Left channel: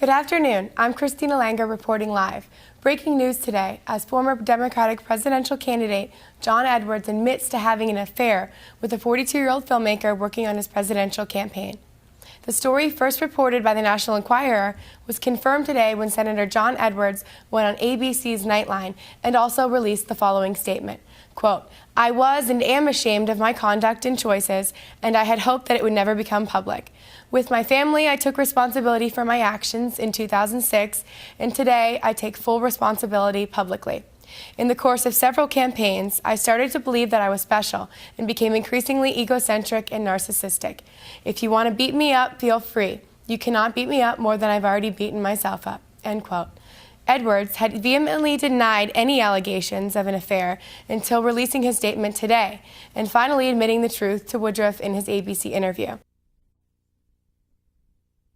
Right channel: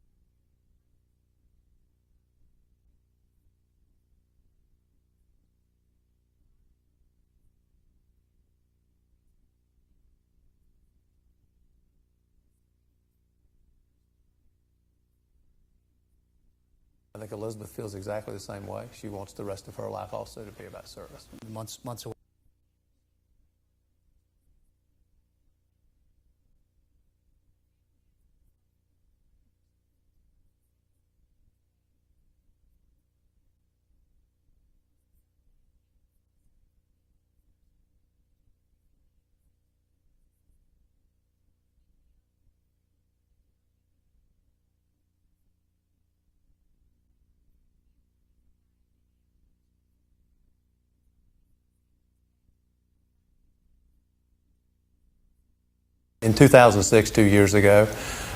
Good afternoon. I'm Christina reporting live. Breaking news today, as former Democratic presidential candidate John Edwards admits to having an affair with a 42-year-old filmmaker working on his presidential campaign. The story, first reported by the National Enquirer, was confirmed today when Senator John Edwards went on ABC's Nightline and also released the following statement. Quote, "I was and am ashamed of my conduct and choices, and I had hoped that it would never become public. With my family, I took responsibility for my actions in 2006, and today I take full responsibility publicly. In the course of several campaigns, I started to believe that I was special and became increasingly egocentric and narcissistic. If you want to beat me up, feel free. You cannot beat me up more than I've already beaten myself up." End quote. Edwards had vehemently denied any allegations of an affair until releasing his statement today, and finally admitting the truth to Woodruff in his ABC interview. In 2006, 2 years ago,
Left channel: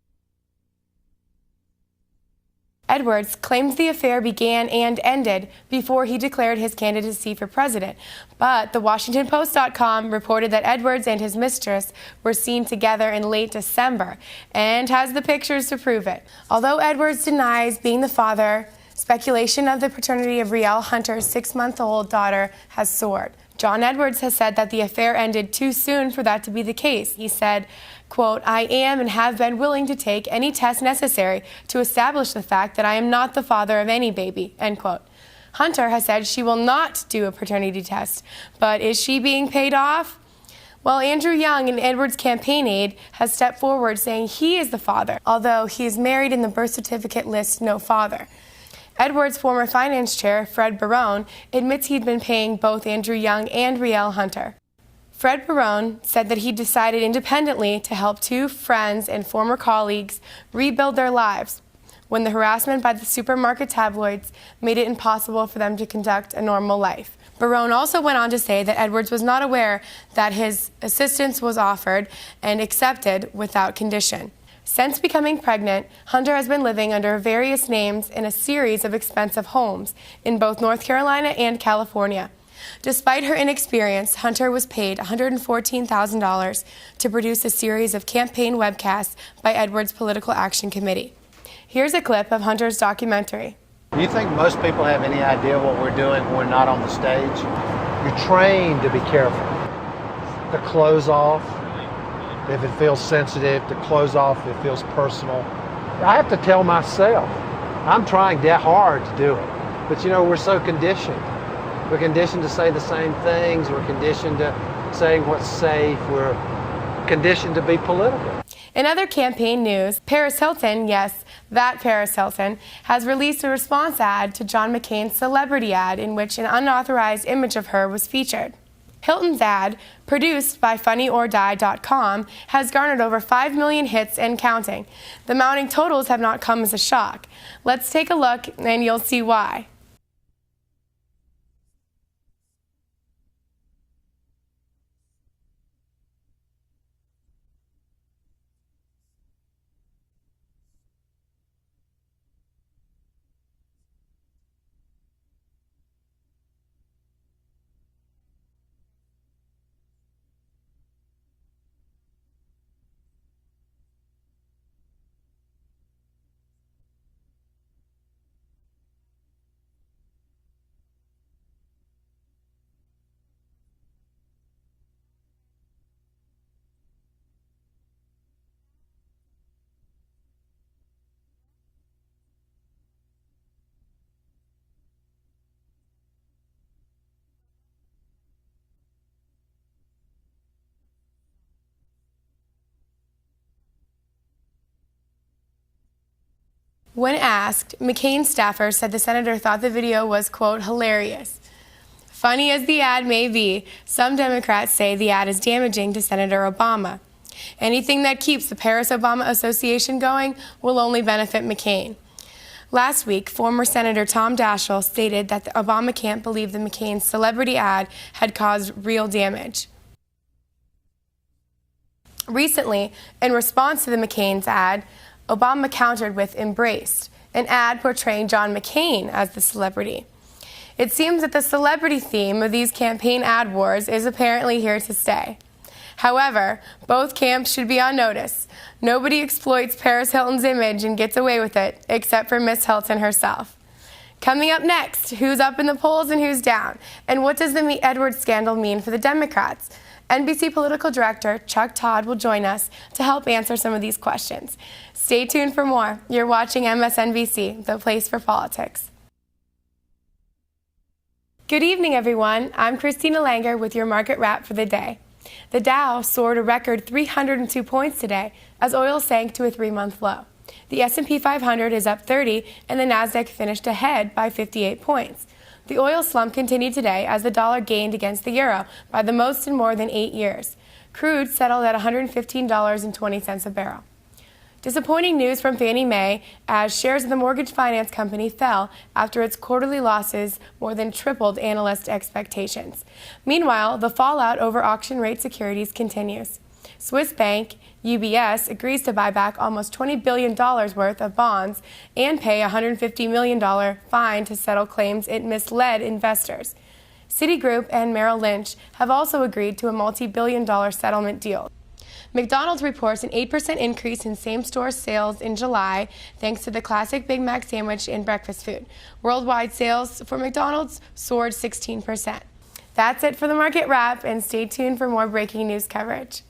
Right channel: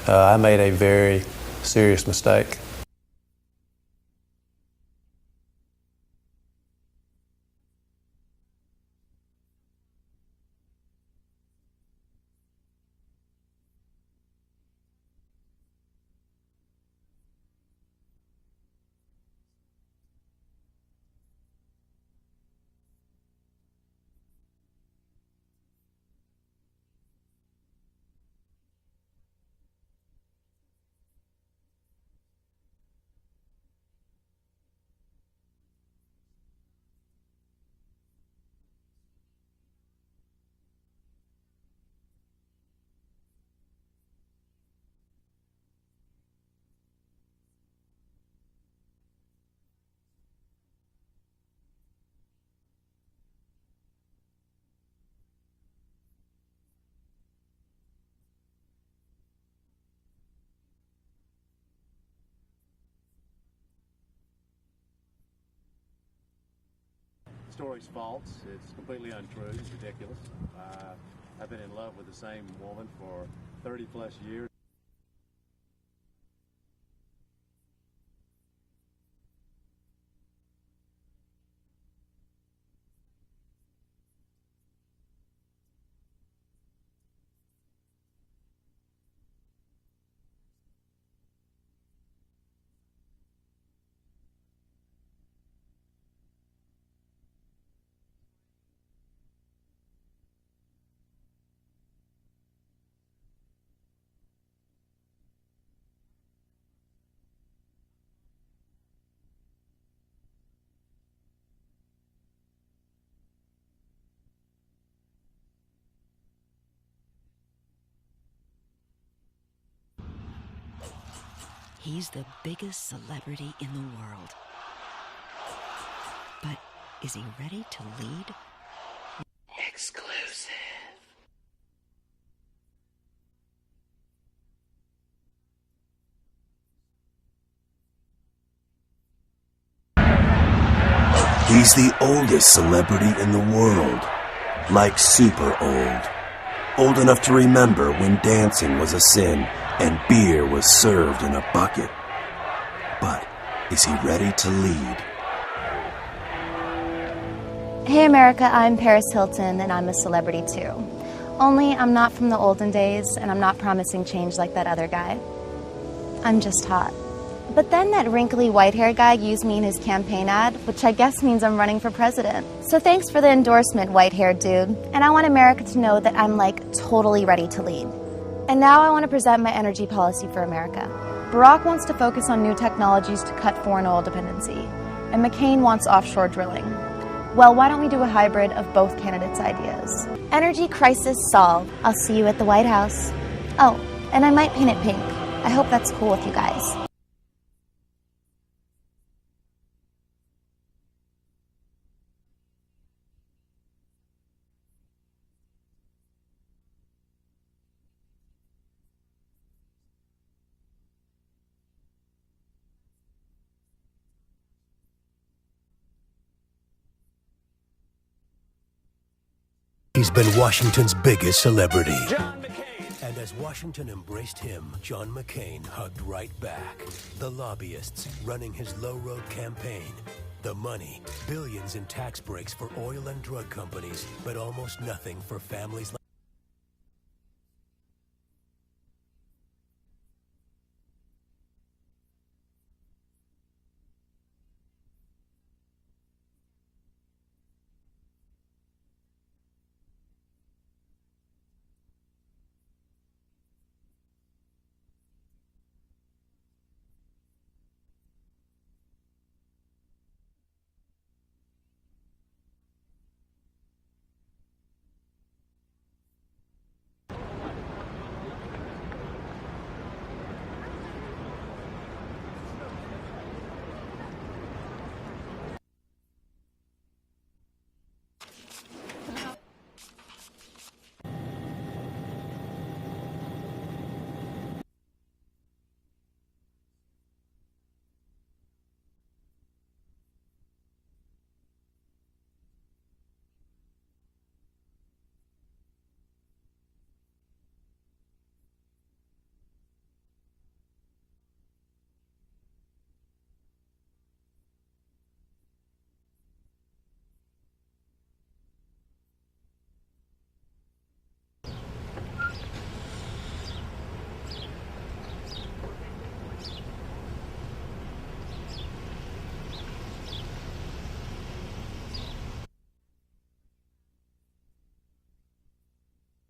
I made a very serious mistake. Edwards claims the affair began and ended before he declared his candidacy for president, but the WashingtonPost.com reported that Edwards and his mistress were seen together in late December and has the pictures to prove it. Although Edwards denies being the father, speculation of the paternity of Rielle Hunter's 6-month-old daughter has soared. John Edwards has said that the affair ended too soon for that to be the case. He said, quote, "I am and have been willing to take any test necessary to establish the fact that I am not the father of any baby," end quote. Hunter has said she will not do a paternity test, but is she being paid off? Well, Andrew Young, an Edwards campaign aide, has stepped forward saying he is the father, although he is married in the birth certificate lists no father. Edwards' former finance chair, Fred Barone, admits he'd been paying both Andrew Young and Rielle Hunter. Fred Barone said that he decided independently to help two friends and former colleagues rebuild their lives when the harassment by the supermarket tabloids made it impossible for them to conduct a normal life. Barone also went on to say that Edwards was not aware that his assistance was offered and accepted without condition. Since becoming pregnant, Hunter has been living under various names in a series of expensive homes in both North Carolina and California. Despite her inexperience, Hunter was paid $114,000 to produce a series of campaign webcasts by Edwards' Political Action Committee. Here's a clip of Hunter's documentary. Do you think most people have any idea what we're doing when we're not on the stage? You're trained to be careful, to close off. If it feels sensitive, to close off if it feels personal. I have to tell myself, I'm trying that hard to do it. But you know, we're so conditioned. We're conditioned to say the same things. We're conditioned to saying what's safe. We're conditioned to be political. In other campaign news, Paris Hilton, yes, that Paris Hilton, has released a response ad to John McCain's celebrity ad in which an unauthorized image of her was featured. Hilton's ad, produced by FunnyOrDie.com, has garnered over 5 million hits and counting. The mounting totals have not come as a shock. Let's take a look and you'll see why. He's the oldest celebrity in the world. Like super old. Old enough to remember when dancing was a sin and beer was served in a bucket. But is he ready to lead? Hey America, I'm Paris Hilton and I'm a celebrity too. Only I'm not from the olden days and I'm not promising change like that other guy. I'm just hot. But then that wrinkly white-haired guy used me in his campaign ad, which I guess means I'm running for president. So thanks for the endorsement, white-haired dude. And I want America to know that I'm like totally ready to lead. And now I want to present my energy policy for America. Barack wants to focus on new technologies to cut foreign oil dependency. And McCain wants offshore drilling. Well, why don't we do a hybrid of both candidates' ideas? Energy crisis solved. I'll see you at the White House. Oh, and I might paint it pink. I hope that's cool with you guys. When asked, McCain's staffer said the senator thought the video was, quote, hilarious. Funny as the ad may be, some Democrats say the ad is damaging to Senator Obama. Anything that keeps the Paris-Obama association going will only benefit McCain. Last week, former Senator Tom Daschle stated that the Obama camp believed the McCain's celebrity ad had caused real damage. He's been Washington's biggest celebrity. Recently, in response to the McCain's ad, Obama countered with Embrace, an ad portraying John McCain as the celebrity. It seems that the celebrity theme of these campaign ad wars is apparently here to stay. However, both camps should be on notice. Nobody exploits Paris Hilton's image and gets away with it, except for Miss Hilton herself. Coming up next, who's up in the polls and who's down? And what does the Edwards scandal mean for the Democrats? NBC political director Chuck Todd will join us to help answer some of these questions. Stay tuned for more. You're watching MSNBC, the place for politics. Good evening, everyone. I'm Christina Langer with your market wrap for the day. The Dow soared a record 302 points today as oil sank to a 3-month low. The S&P 500 is up 30 and the Nasdaq finished ahead by 58 points. The oil slump continued today as the dollar gained against the euro by the most in more than 8 years. Crude settled at $115.20 a barrel. Disappointing news from Fannie Mae as shares of the mortgage finance company fell after its quarterly losses more than tripled analyst expectations. Meanwhile, the fallout over auction rate securities continues. Swiss bank UBS agrees to buy back almost $20 billion worth of bonds and pay a $150 million fine to settle claims it misled investors. Citigroup and Merrill Lynch have also agreed to a multi-billion-dollar settlement deal. McDonald's reports an 8% increase in same-store sales in July thanks to the classic Big Mac sandwich and breakfast food. Worldwide sales for McDonald's soared 16%. That's it for the market wrap, and stay tuned for more breaking news coverage.